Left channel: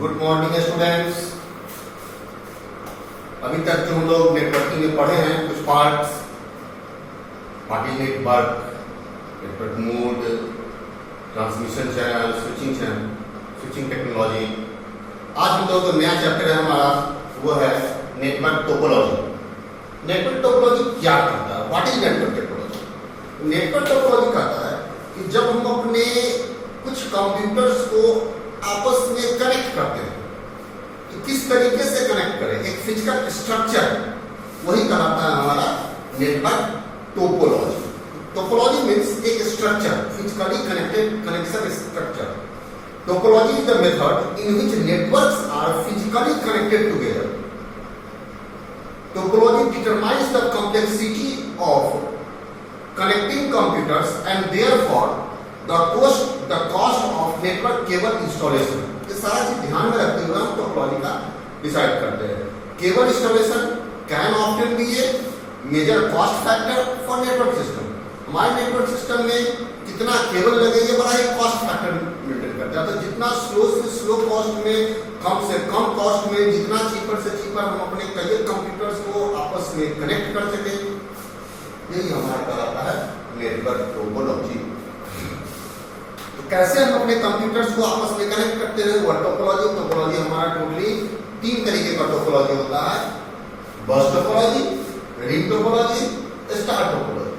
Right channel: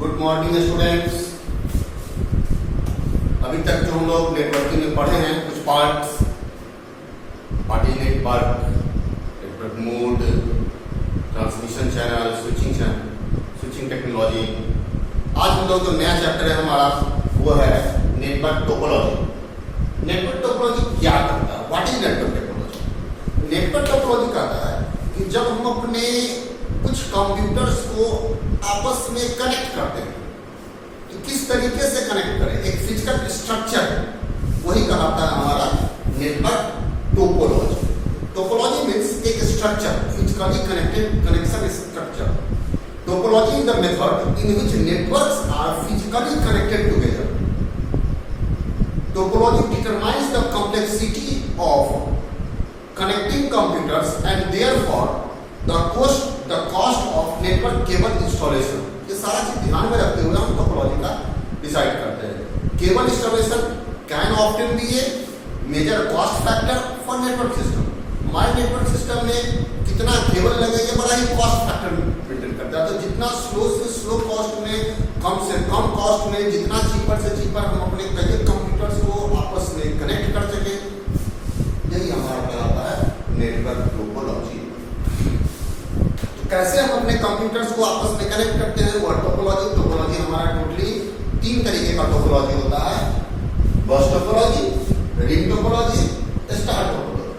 Good morning students. अभी तक जो हम लोग नेटवर्किंग में पढ़े हैं कुछ parts, party network, network mode, transmission channel, switching technology. आज हम लोग जो नया चैप्टर है हमारा वो है नेटवर्क टोपोलॉजी। नेटवर्क टोपोलॉजी क्या करता है? What is network topology? Network topology कहता है कि जब हम अपने कुछ कंप्यूटर्स को आपस में कनेक्ट करते हैं तो किस तरीके से कनेक्ट करें, एक फिजिकल स्ट्रक्चर, वही कहलाता है हमारा नेटवर्क टोपोलॉजी। टोपोलॉजी मीन्स एक structure, physically connected connection structure. Topology is the method in which networks are physically connected together. Topology determines the complexity of connecting computers and therefore the cost of network cable installation। ये सारा चीज ध्यान में रखते हुए हम topology का decide करते हैं। Cable installation can often be a major cost factor for network system. हमारे नेटवर्क सिस्टम में कितना केबल लगेगा बड़ा ही कॉस्ट फैक्टर मेंटेन करता है। तो जितना स्लो से स्लो कॉस्ट में, कम से कम कॉस्ट में, जितना चीपर से चीपर हम अपने कई कंप्यूटर्स को आपस में कनेक्ट कर सके, यही हमारा कहलाता है नेटवर्क टोपोलॉजी। तो कैसे हम अपने कंप्यूटर्स को आपस में कनेक्ट करते हैं वो टोपोलॉजी हमारा टोटली 3 तरीके का टोपोलॉजी होता है। बस topology, ring topology, star topology.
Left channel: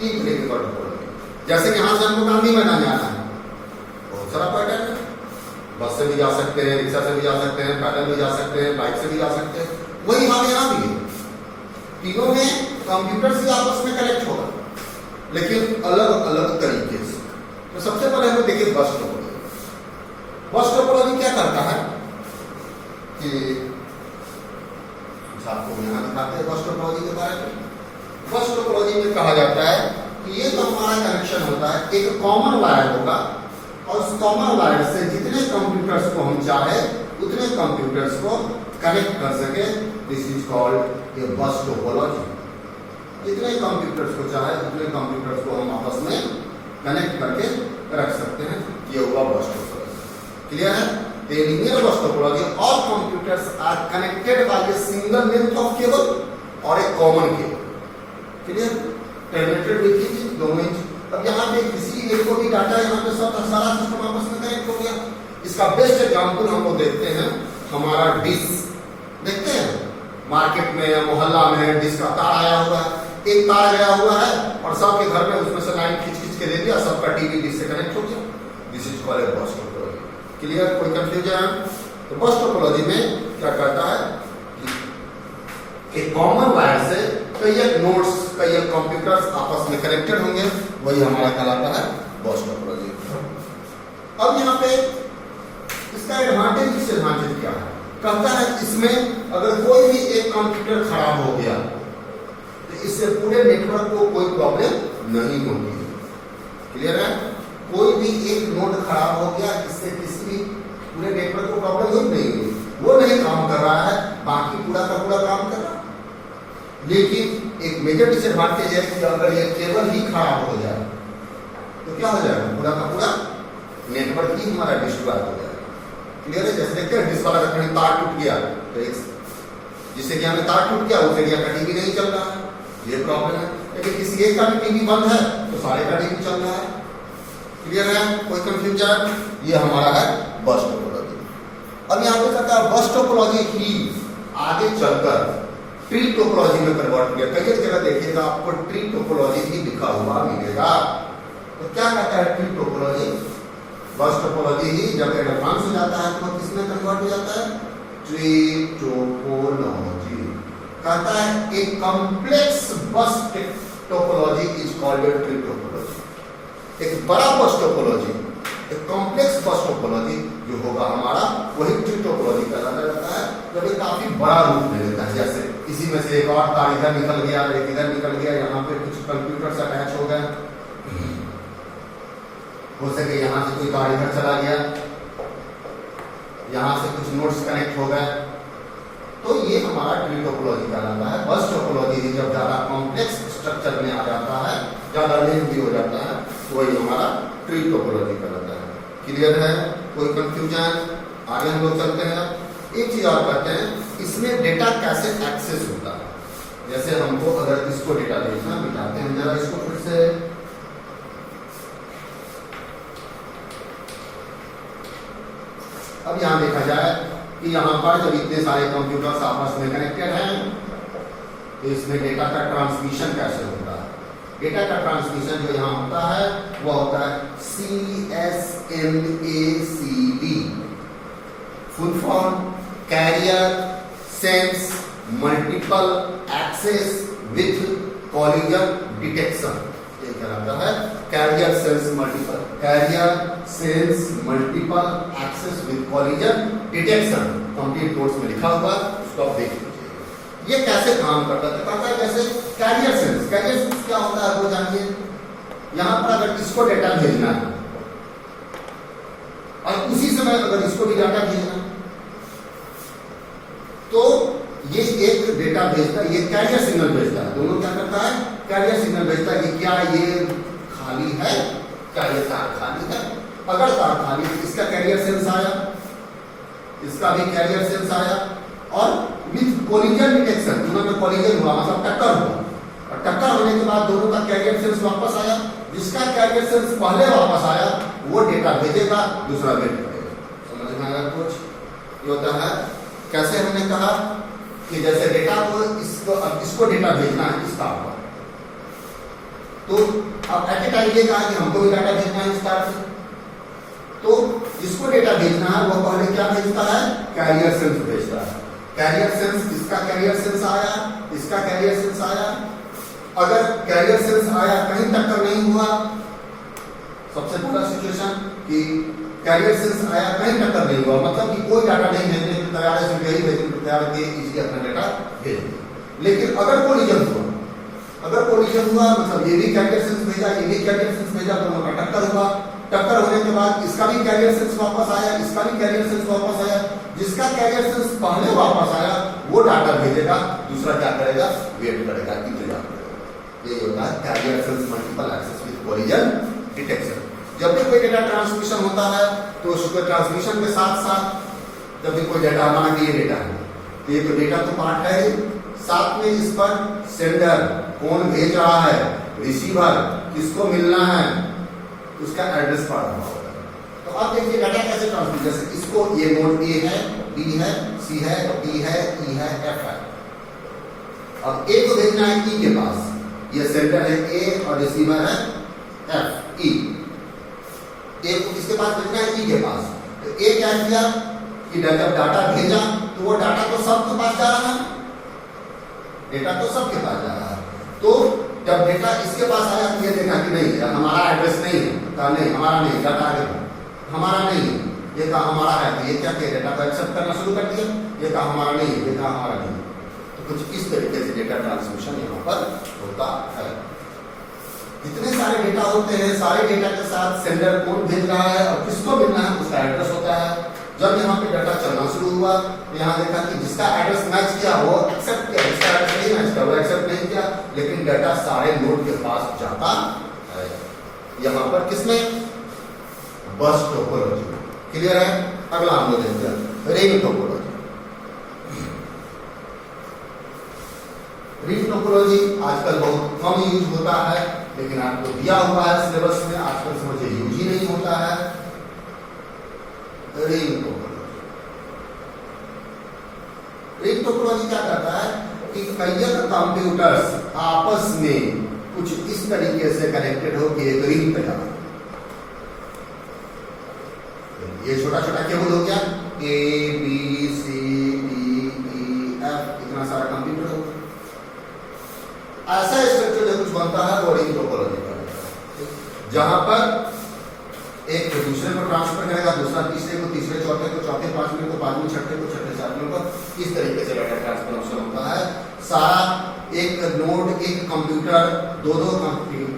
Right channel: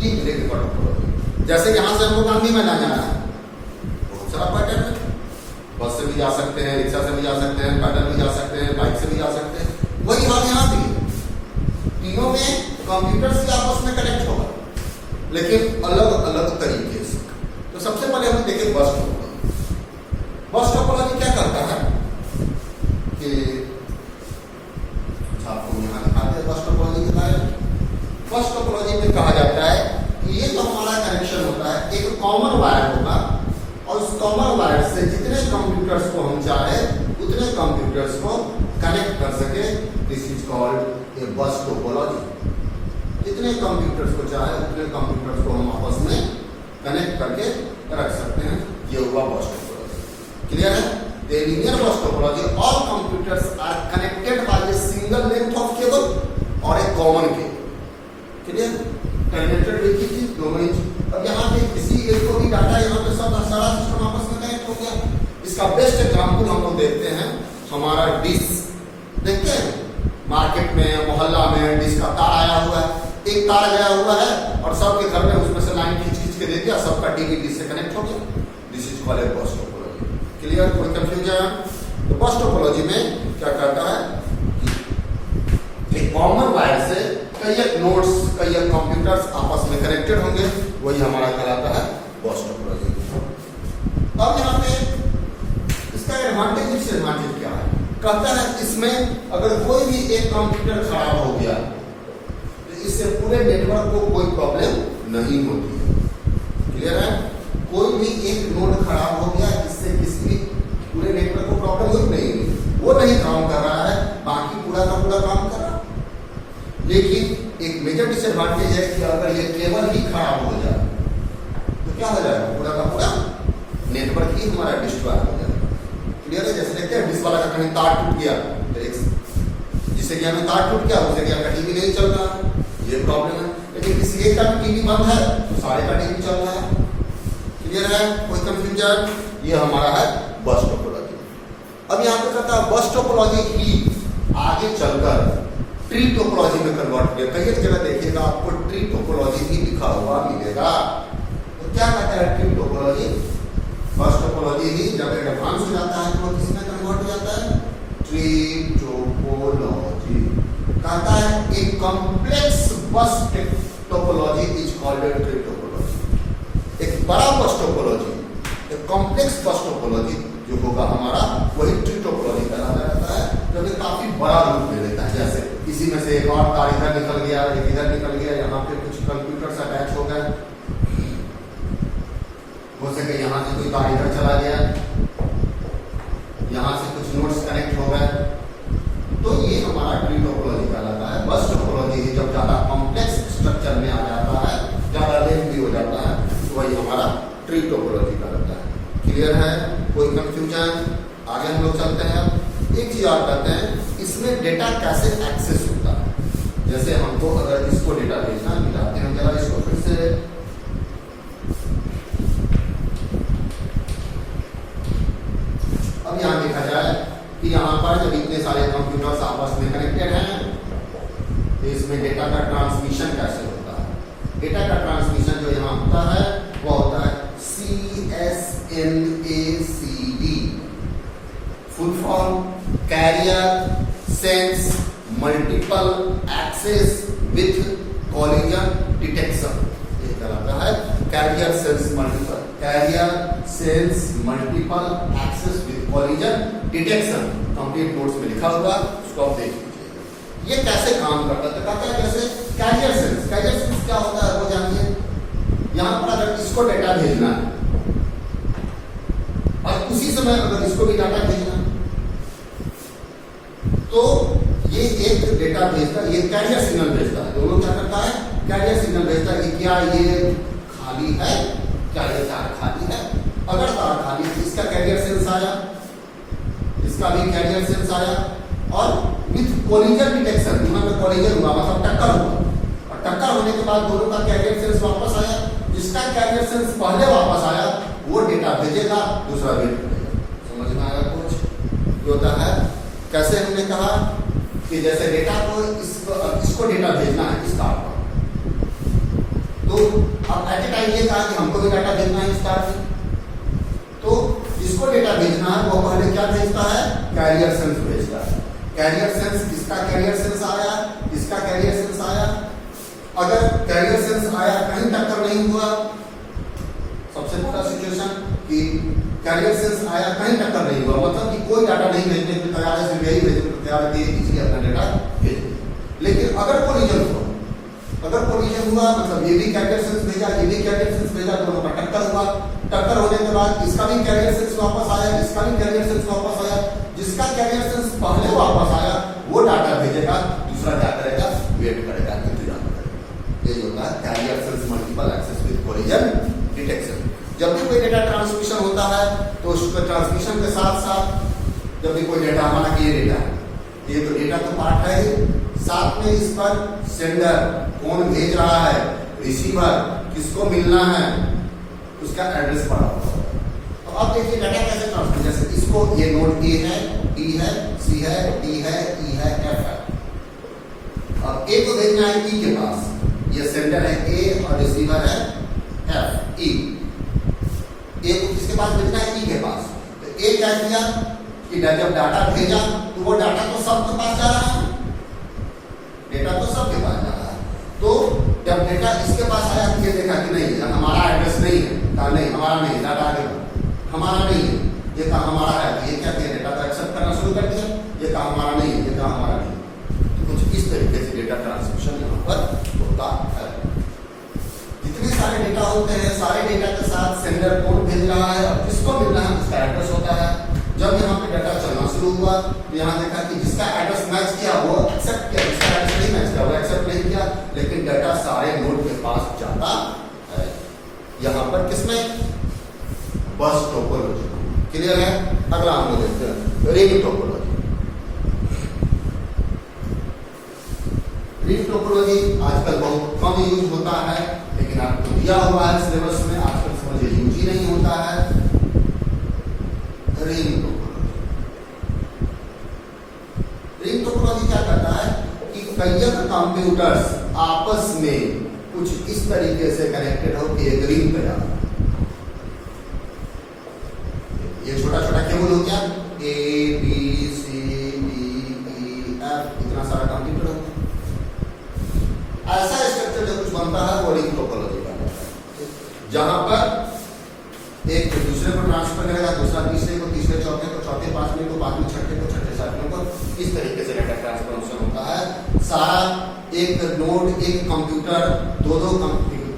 3 तरीके का टोपोलॉजी। जैसे यहां से हमको गांधी मैदान जाना है, बहुत सारा पैटर्न है। बस से भी जा सकते हैं, रिक्शा से भी जा सकते हैं, पैदल भी जा सकते हैं, बाइक से भी जा सकते हैं। वही हाल यहाँ भी है। तीनों में कंप्यूटर से आपस में कनेक्ट होगा, लेकिन अलग अलग तरीके से। तो सबसे पहले हम देखिए बस टोपोलॉजी। बस टोपोलॉजी क्या करता है कि आपको यहाँ दिखाते हैं बस टोपोलॉजी के बारे में। बस टोपोलॉजी में कहा जाता है कि ये जो हमारा कनेक्शन होता है एक कॉमन वायर होगा और उस कॉमन वायर से जितने कंप्यूटर्स को हम चाहे उतने कंप्यूटर्स को कनेक्ट कर सके। दिस इज कॉल्ड ए बस टोपोलॉजी। जितने कंप्यूटर्स को चाहे उतने कंप्यूटर्स को हम आपस में कनेक्ट करके रख सकते हैं। ये हुआ बस टोपोलॉजी। क्लियर है? The linear bus topology, all computers are connected by a single length of cable और एक common cable. Clear? Terminated with थी दोनों इंच। अब यहाँ पे किसी एक को भी डाटा यहाँ पे सब सारा सिस्टम आपस में कनेक्ट हो गया। इसका बेस्ट एग्जांपल हम लोग देखते हैं हमारा डिश। देखते हैं मार्केट में, मोहल्ला में डिश का तार आया हुआ है, एक तार गया हुआ है और सबके घर में उसमें से लाइन खींच खींच के दे दिया, सबका टीवी डिश से कनेक्ट हो गया। दिस इज कॉल्ड ए बस टोपोलॉजी। क्लियर? कोई कंफ्यूजन? तो बस टोपोलॉजी में क्या करता है कि एक कॉमन वायर से कई नोड्स, कई कंप्यूटर्स आपस में कनेक्टेड होंगे, वही हमारा कहलाता है बस टोपोलॉजी। अब यहाँ पे इसका एडवांटेज, डिसएडवांटेज क्या है? कहता है इसमें अगर कोई भी एक कंप्यूटर खराब हो गया तो इससे पूरे नेटवर्क को कोई प्रॉब्लम नहीं होती है। क्लियर है? कोई भी एक नोड खराब हो गया जिससे किसी भी पूरे नेटवर्क को प्रॉब्लम नहीं हुई, वो नहीं काम कर रहा है, बाकी पूरा का पूरा काम कर रहा है। लेकिन एक मेजर डिसएडवांटेज है कि अगर ये केबल ही खराब हो जाए तो क्या हो जाएगा? पूरा का पूरा नेटवर्क ही हमारा डिस्ट्रॉय हो जाएगा। क्लियर है? जैसे देखते हैं डिश वाला का कहीं तार टूट गया तो एक जिससे कि हमें तार टूट गया उससे कि आपका टीवी नहीं चल रहा है, ये प्रॉब्लम है। लेकिन किसी एक का टीवी बंद है तो सारे का टीवी चल रहा है। क्लियर है? कोई कंफ्यूजन? ये हमारा है बस टोपोलॉजी। अब यहाँ पे कहता है बस टोपोलॉजी ही आगे चलकर ट्री टोपोलॉजी में कन्वर्ट किया। कई जगह देखिएगा आपको ट्री टोपोलॉजी भी लिखा हुआ मिलेगा। तो क्या कहता है ट्री टोपोलॉजी? बस टोपोलॉजी ही जब एडवांस हो जाता है तो किसमें कन्वर्ट हो जाता है? Tree topology. कहता है एक कॉम्प्लेक्स बस topology is called tree topology. एक बड़ा बस टोपोलॉजी, एक कॉम्प्लेक्स बस टोपोलॉजी जो होगा हमारा, वही ट्री टोपोलॉजी कहलाता रहता है जब ये काफी बड़ा रूप ले लेता है। जैसे इसी में से एक और तार इधर निकल गया, एक इधर निकल गया, यहाँ पे कुछ कंप्यूटर्स अटैच हो गए, हो सके यहाँ से कोई तार इधर चला गया, यहाँ से कुछ नोड्स कनेक्ट हो गए, तो ये हमारा ट्री टोपोलॉजी कहलाता है। बस टोपोलॉजी ही जब ज्यादा कॉम्प्लेक्स स्ट्रक्चर में आ जाता है, ज्यादा लेंथी हो जाता है, तो वही हमारा ट्री टोपोलॉजी कहलाता है। क्लियर है? कोई कंफ्यूजन? आगे हम लोग चलते हैं। अब एक चीज और करते हैं, इसमें डेटा कैसे एक्सेस होता है। जैसे हमको अगर इसको डेटा भेजना, दिखाते हैं जरा इसको फिर से। अब यहां देखा जाए कि यहां पर जब इतने सारे कंप्यूटर्स आपस में कनेक्टेड हैं तो इसमें डेटा का ट्रांसमिशन कैसे होता है। डेटा का ट्रांसमिशन जो यहां होता है वो होता है CSMACD, full form carrier sense multiple access with collision detection. ये कहलाता है carrier sense multiple access with collision detection. Complete notes में लिखा होगा, उसको आप देख लीजिए। ये कैसे काम करता है, कहता है कैसे कैरियर सेंस क्या होता है वो जानिए। यहां पर अगर इसको डेटा भेजना है और उसी समय अगर इसको भी डाटा भेजना तो ये एक डेटा भेजता है, ये कैरियर सिग्नल भेजता है। दोनों क्या करता है, कैरियर सिग्नल भेजता है कि क्या ये खाली है, क्या ये तार खाली है। अगर तार खाली है, इसका कैरियर सेंस आया, इसका भी कैरियर सेंस आया और विथ कोलिजन डिटेक्शन, दोनों का कोलिजन हुआ मतलब टक्कर हुआ, और टक्कर होने के बाद दोनों का कैरियर सेंस वापस आया। जिसका कैरियर सेंस पहले वापस आया वो डेटा भेजेगा, दूसरा वेट करेगा। समझ में आया कुछ? होता है कैसे हमने कहा कि जैसे डेटा को इसको डेटा भेजना है इस तार पर, तो अब एट ए टाइम ये कहा कि हमको भी डाटा भेजना है इस तार से, तो जिसको डेटा भेजना है वो पहले क्या भेजता है, कैरियर सेंस भेजता है। कैरियर सेंस, इसका कैरियर सेंस आया, इसका कैरियर सेंस आया। अगर कैरियर सेंस आया, कहीं टक्कर नहीं हुआ, सबसे पहला सिचुएशन कि कैरियर सेंस आया, कहीं टक्कर नहीं हुआ, मतलब कि कोई डाटा नहीं भेजने की तैयार है, सिर्फ यही भेजने की तैयार है, इसलिए अपना डेटा भेज। लेकिन अगर कोलिजन हुआ, मतलब ये भी कैरियर सेंस भेजा, ये भी कैरियर सेंस भेजा, दोनों का टक्कर हुआ। टक्कर होने के बाद इसका भी कैरियर सेंस वापस आया, इसका भी कैरियर सेंस वापस आया। जिसका कैरियर सेंस पहले वापस आया वो डाटा भेजेगा, दूसरा क्या करेगा, वेट करेगा, इंतजार करेगा। ये होता है carrier sense multiple access with collision detection. जब भी कोई डेटा ट्रांसमिशन होता है तो उसके ट्रांसमिशन के साथ साथ जब भी कोई डेटा आना कि ये डेटा है, ये तो डेटा तो पार्ट है, साथ में इस पर सेंडर कौन भेज रहा है, रिसीवर किसको मिलना है, उसका एड्रेस पड़ा हुआ होगा। तो अब देखिए डाटा कैसे ट्रांसमिट, जैसे इसको ये नोड ए है, डी है, सी है, डी है, ई है, एफ है। अब ए को भेजना है ई के पास, ये सेंडर है ए और रिसीवर है एफ, ई। ए को किसके पास भेजना है, ई के पास। तो ए क्या किया कि जब डाटा भेजा तो वो डाटा तो सबके पास जा रहा है, डेटा तो सबके पास जा रहा है। तो जब डेटा इसके पास आया तो ये देखा कि नहीं, हमारा एड्रेस नहीं है, कहा नहीं हमारा नहीं, डाटा आगे हमारा नहीं है, ये कहा हमारा है। तो ये क्या किया, डेटा को एक्सेप्ट करना शुरू कर दिया, ये कहा हमारा नहीं है, ये कहा हमारा नहीं है। तो कुछ इस तरीके से डेटा ट्रांसमिशन यहाँ पर होता है। इतने सारे डेटा होते हैं, सारे डेटा के साथ सेंडर कौन भेज रहा है और किसको मिलना है उसका एड्रेस होता है। जब यहाँ पे डाटा चलना शुरू हुआ तो यहाँ देखा कि जिसका एड्रेस मैच किया वो एक्सेप्ट किया, जिसका एड्रेस नहीं मैच किया वो एक्सेप्ट नहीं किया, लेकिन डाटा सारे नोड के पास जाता है। यहाँ पर किसमें, बस टोपोलॉजी। क्लियर है? अगला हम लोग देखते हैं रिंग टोपोलॉजी। रिंग टोपोलॉजी आजकल बहुत कम यूज होता है, लेकिन आपको दिया हुआ है सिलेबस में, आजकल समझिए यूज ही नहीं होता है। रिंग टोपोलॉजी क्या करता है कि कई कंप्यूटर्स आपस में कुछ इस तरीके से कनेक्टेड हो कि एक रिंग पे जाना। ये छोटा छोटा केबल हो गया, A B C D E F, इतना सारा कंप्यूटर हो, ऐसा स्ट्रक्चर जो कुछ बनता है वो रिंग टोपोलॉजी का होता है, जहां पर एक दूसरे को ट्रांसफर करेगा, दूसरा तीसरे को, तीसरे चौथे को, चौथे पांचवें को, पांचवें छठे को, छठे सातवें को, इस तरीके से डाटा ट्रांसफर होता है। सारा एक नोड, एक कंप्यूटर दो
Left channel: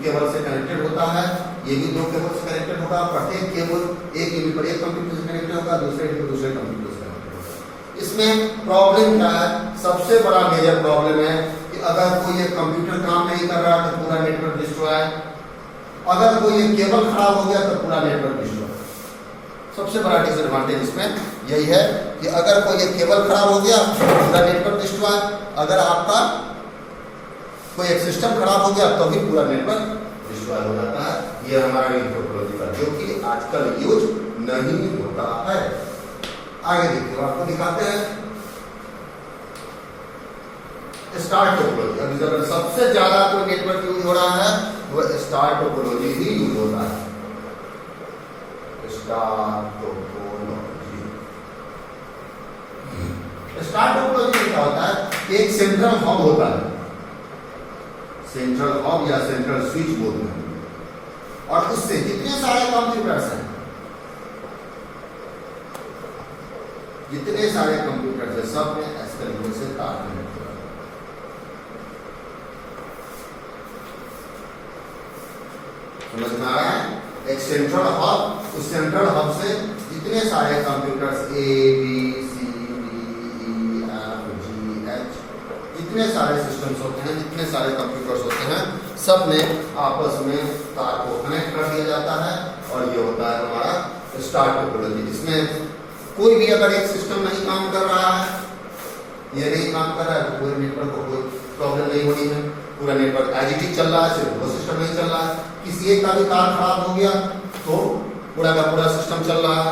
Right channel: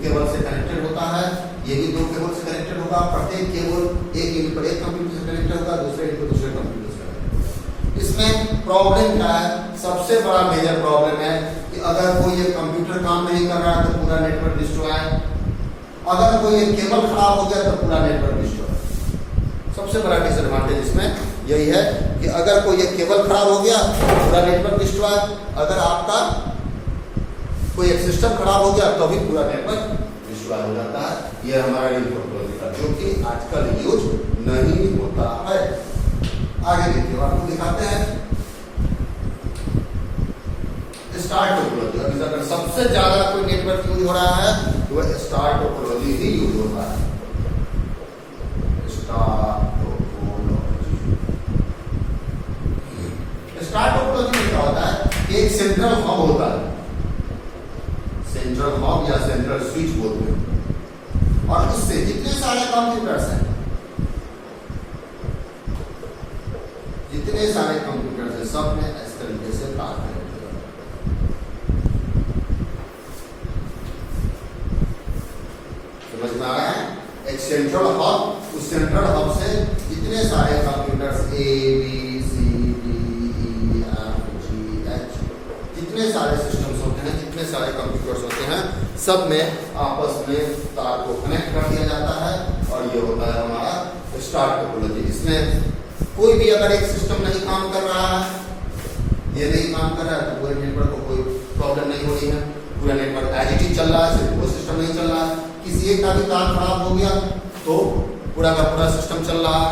केबल से कनेक्टेड होता है, ये भी दो केबल से कनेक्टेड होगा। प्रत्येक केबल एक यूनिट पर एक कंप्यूटर से कनेक्टेड होगा, दूसरे यूनिट पर दूसरे कंप्यूटर से कनेक्टेड होगा। इसमें प्रॉब्लम क्या है, सबसे बड़ा मेजर प्रॉब्लम है कि अगर कोई एक कंप्यूटर काम नहीं कर रहा तो पूरा नेटवर्क डिस्ट्रॉय है, अगर कोई एक केबल खराब हो गया तो पूरा नेटवर्क डिस्ट्रॉय। सबसे बड़ा डिसएडवांटेज इसमें यही है कि अगर कोई एक केबल खराब हो गया पूरा नेटवर्क डिस्ट्रॉय, अगर आपका कोई एक सिस्टम खराब हो गया तो भी पूरा नेटवर्क डिस्ट्रॉय हो जाता है। ये हमारा लिंक टोपोलॉजी का, जो कि आजकल यूज नहीं होता है। आगे देखिए, आपको दिखाते हैं स्टार टोपोलॉजी। अभी अगर सबसे ज्यादा कोई नेटवर्क यूज हो रहा है तो स्टार टोपोलॉजी ही यूज होता है। स्टार टोपोलॉजी, स्टार टोपोलॉजी में क्या होता है, एक सेंट्रल हब होता है, सेंट्रल हब या सेंट्रल स्विच बोलते हैं, और उससे जितने सारे कंप्यूटर्स हैं, जितने सारे कंप्यूटर्स हैं, सब में इस तरीके से काम करें। समझ में आ रहा है? एक सेंट्रल हब, उस सेंट्रल हब से जितने सारे computers A B C D E F G H, जितने सारे सिस्टम्स होते हैं, जितने सारे कंप्यूटर्स होते हैं, सब में आपस में तार को कनेक्ट कर दिया जाता है, और ये होता है हमारा स्टार टोपोलॉजी। इसमें कोई भी अगर एक सिस्टम नहीं काम कर रहा है, ये नहीं काम कर रहा है, तो पूरे नेटवर्क को कोई प्रॉब्लम नहीं हो रही है, पूरा नेटवर्क एज इट इज चल रहा है, सिर्फ वो सिस्टम नहीं चल रहा है। किसी एक का भी तार खराब हो गया तो पूरा का पूरा सिस्टम चल रहा है,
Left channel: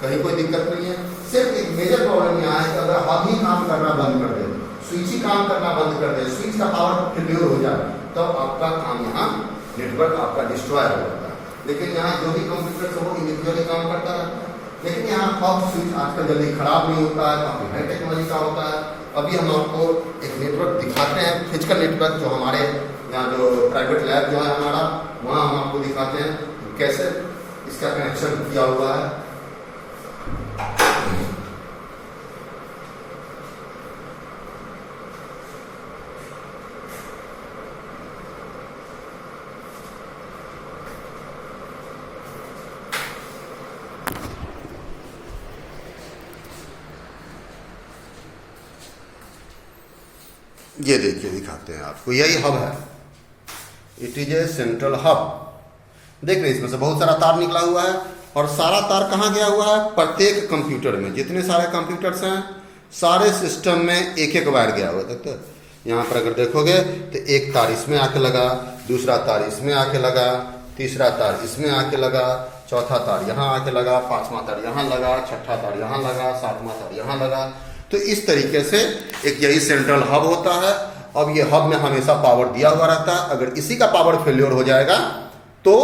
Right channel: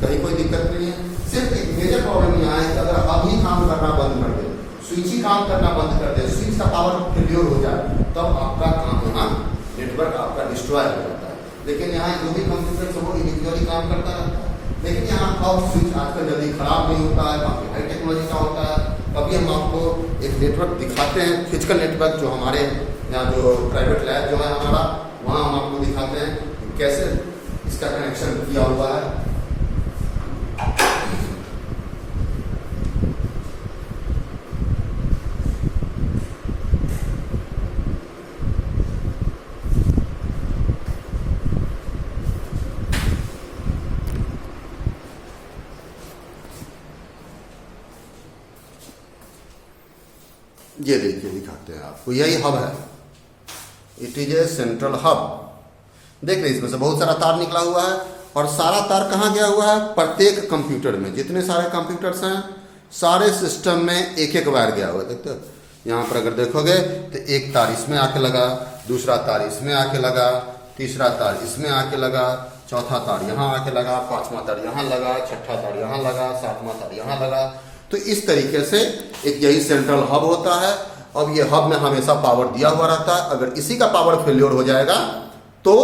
कहीं कोई दिक्कत नहीं है। सिर्फ एक मेजर प्रॉब्लम यहाँ है कि अगर हम ही काम करना बंद कर दे, स्विच ही काम करना बंद कर दे, स्विच का पावर फेल्योर हो जाए, तब आपका काम यहाँ नेटवर्क आपका डिस्ट्रॉय हो जाता है। लेकिन यहाँ जो भी कंप्यूटर से वो इंडिविजुअली काम करता है, लेकिन यहाँ हब स्विच आजकल जल्दी खराब नहीं होता है, काफी हाई टेक्नोलॉजी का होता है। अभी हम आपको एक नेटवर्क दिखाते हैं, फिजिकल नेटवर्क, जो हमारे यहाँ जो प्राइवेट लैब जो है हमारा, वहाँ हम आपको दिखाते हैं कैसे इसका कनेक्शन किया हुआ है। ये देखिए, दिखाते हैं आपको, यही हब है, it is a central hub. देख रहे हैं, इसमें से बहुत सारा तार निकला हुआ है, और सारा तार कहाँ गया हुआ है, प्रत्येक कंप्यूटर में, जितने सारे कंप्यूटर्स हैं, सारे सिस्टम में एक एक वायर गया हुआ है। देखते हो यहाँ पर अगर देखोगे तो एक तार इसमें आके लगा, दूसरा तार इसमें आके लगा, तीसरा तार इसमें आके लगा, चौथा तार यहाँ आके लगा, पांचवा तार यहाँ लगा, छठा तार यहाँ लगा, सातवां तार यहाँ लगा। तो इस तरीके से एक यही सेंट्रल हब होता है। अब ये हब में हमेशा पावर दिया हुआ रहता है, अगर इसी का पावर फेल्योर हो जाएगा तो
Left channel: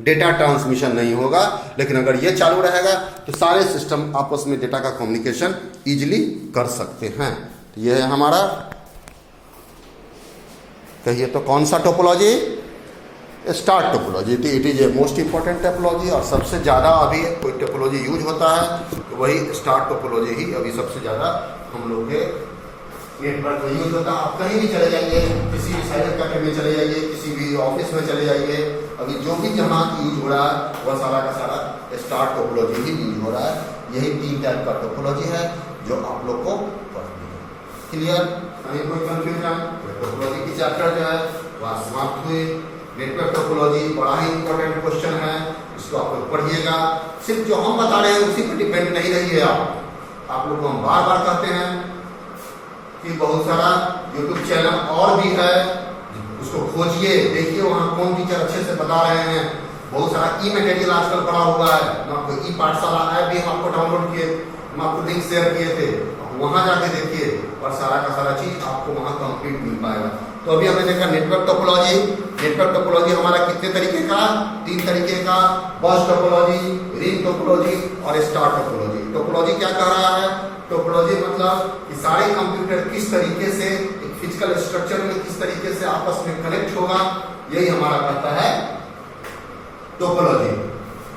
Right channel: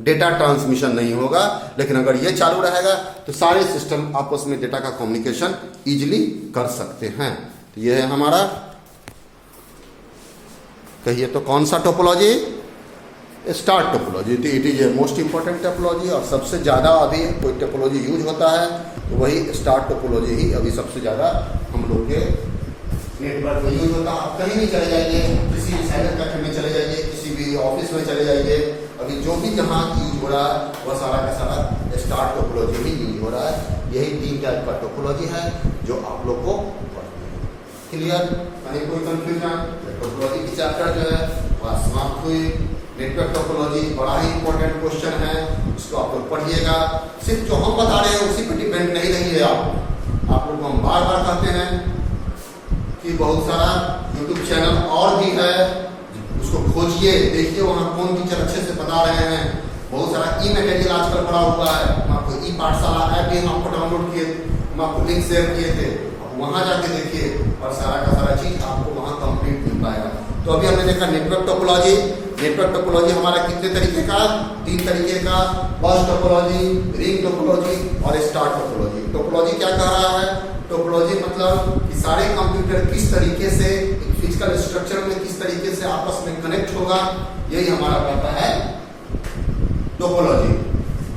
डेटा ट्रांसमिशन नहीं होगा, लेकिन अगर ये चालू रहेगा तो सारे सिस्टम आपस में डेटा का कम्युनिकेशन इजीली कर सकते हैं। तो ये है हमारा, कहिए तो कौन सा topology, star topology. It is a most important topology, और सबसे ज्यादा अभी कोई टोपोलॉजी यूज होता है तो वही स्टार टोपोलॉजी ही अभी सबसे ज्यादा हम लोग के नेटवर्क में यूज होता है। आप कहीं भी चले जाइए, किसी भी साइबर कैफे में चले जाइए, किसी भी ऑफिस में चले जाइए, अभी जो भी जहाँ यूज हो रहा है वह सारा का सारा स्टार टोपोलॉजी ही यूज हो रहा है। यही 3 टाइप का टोपोलॉजी है जो आप लोग को पढ़नी है। क्लियर? कहीं कोई कंफ्यूजन? टोपोलॉजी की चैप्टर जो है वह समाप्त हुई। नेटवर्क टोपोलॉजी बड़ा ही इंपॉर्टेंट क्वेश्चन है, इसको आप लोग पढ़िएगा। सिर्फ जो हम बता रहे हैं उसी पर डिपेंड नहीं रहिए आप लोग को हम बार बार कहते हैं कि बहुत सारा यूट्यूब चैनल और भी है, उसको खोजिए, देखिए वहाँ कौन टीचर अच्छे से बता रहे हैं। बहुत सारा ई मटेरियल आजकल पड़ा हुआ है, हम आपको ई पाठशाला ऐप भी हम आपको डाउनलोड किए, हम आपको लिंक शेयर किए थे, वहां जाके देखिए, और सारा का सारा चीज आपको वहां कंप्लीट मिल पाएगा। तो अभी हमने देखा नेटवर्क टोपोलॉजी। नेटवर्क टोपोलॉजी हमारा कितने तरीके का, 3 तरीके का, बस टोपोलॉजी, रिंग टोपोलॉजी और स्टार टोपोलॉजी। टोपोलॉजी क्या कह रहा है? टोपोलॉजी मतलब कि सारे कंप्यूटर किस तरीके से फिजिकल स्ट्रक्चर में किस तरीके से आपस में कनेक्ट होगा, यही हमारा कहता है टोपोलॉजी।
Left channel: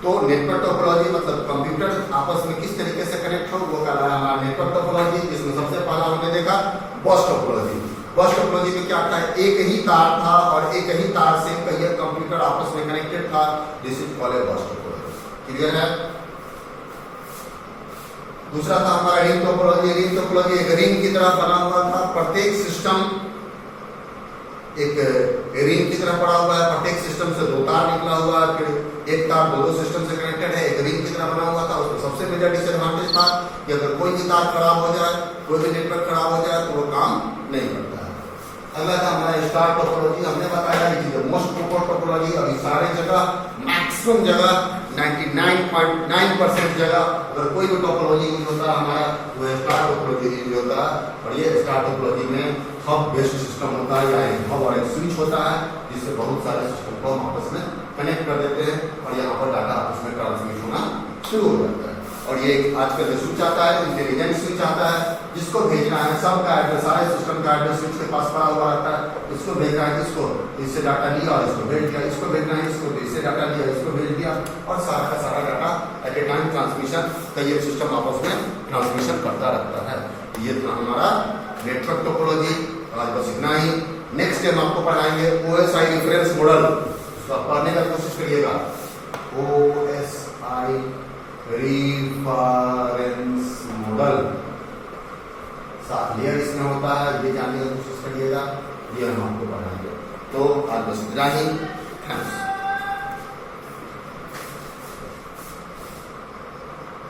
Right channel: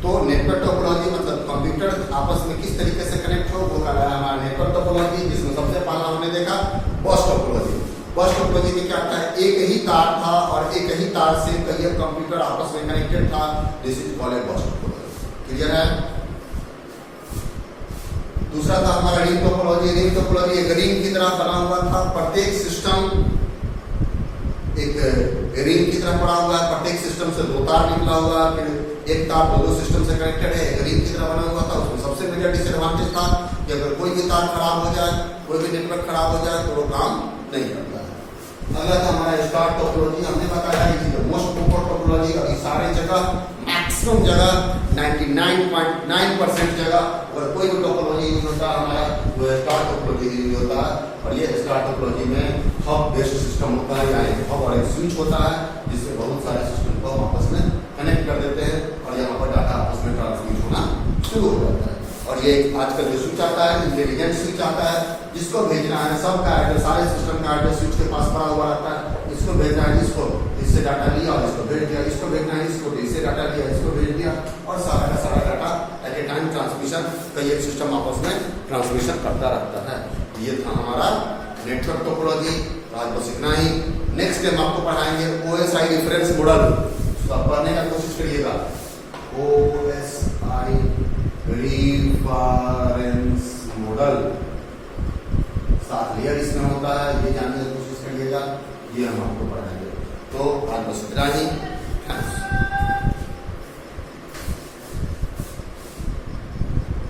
तो नेटवर्क टोपोलॉजी मतलब कंप्यूटर आपस में किस तरीके से कनेक्ट हो, वो कहता है हमारा नेटवर्क टोपोलॉजी। जिसमें सबसे पहला हमने देखा बस टोपोलॉजी। बस टोपोलॉजी में क्या होता है, एक ही तार था और एक ही तार से कई कंप्यूटर आपस में कनेक्टेड था, दिस इज कॉल्ड ए बस टोपोलॉजी। क्लियर है? दूसरा था हमारा रिंग टोपोलॉजी। रिंग टोपोलॉजी एक रिंग की तरह बना हुआ था, प्रत्येक सिस्टम एक रिंग की तरह पड़ा हुआ है, प्रत्येक सिस्टम से 2 तार निकला हुआ है, फिर एक तार 2 सिस्टम से कनेक्टेड है, एक रिंग की तरह बना हुआ था। सबसे मेजर डिसएडवांटेज था कि अगर कोई भी तार खराब हो जाए, कोई भी नेटवर्क खराब हो जाए तो वो काम नहीं करता है। अगला था हमारा स्टार टोपोलॉजी। हमने बताया कि मोस्ट पॉपुलर टोपोलॉजी अभी सारे जगह, मैक्सिमम जगह 99.9% जगह अगर कोई भी टोपोलॉजी यूज होता है हमारा वो स्टार टोपोलॉजी यूज होता है। और ये स्टार टोपोलॉजी में हब बेस्ड सिस्टम होता है, यानी हब और एक स्विच होता है जिससे बहुत सारे सिस्टम को हम आपस में कनेक्ट कर देते हैं और यहाँ पर डाटा आपस में ट्रांसमिट होना शुरू हो जाता है। और ये आजकल जो स्विच आता है इंटेलिजेंट स्विच आता है, जिसको भेजना है सबका एड्रेस, सारे सिस्टम का एड्रेस स्विच के पास पड़ा हुआ रहता है। इसको भेजना है इसको, इससे डाटा लिया और इसको भेज दिया, इसको भेजना है इसको, इससे डाटा लिया इसको भेज दिया और सारा का सारा data at A time transmission का ये सिस्टम आपस में ट्रांसमिशन करता रहता है। ये था हमारा नेटवर्क टोपोलॉजी। आज बस इतना ही। नेक्स्ट हम आपको पढ़ाएंगे OSI रिफरेंस मॉडल। तो आप पढ़ने का कोशिश करिएगा। OSI रिफरेंस मॉडल 7 लेयर इसमें होता है, ये जानने की कोशिश करिएगा। ये हम आपको पढ़ाएंगे। तो आज बस इतना ही। थैंक्स।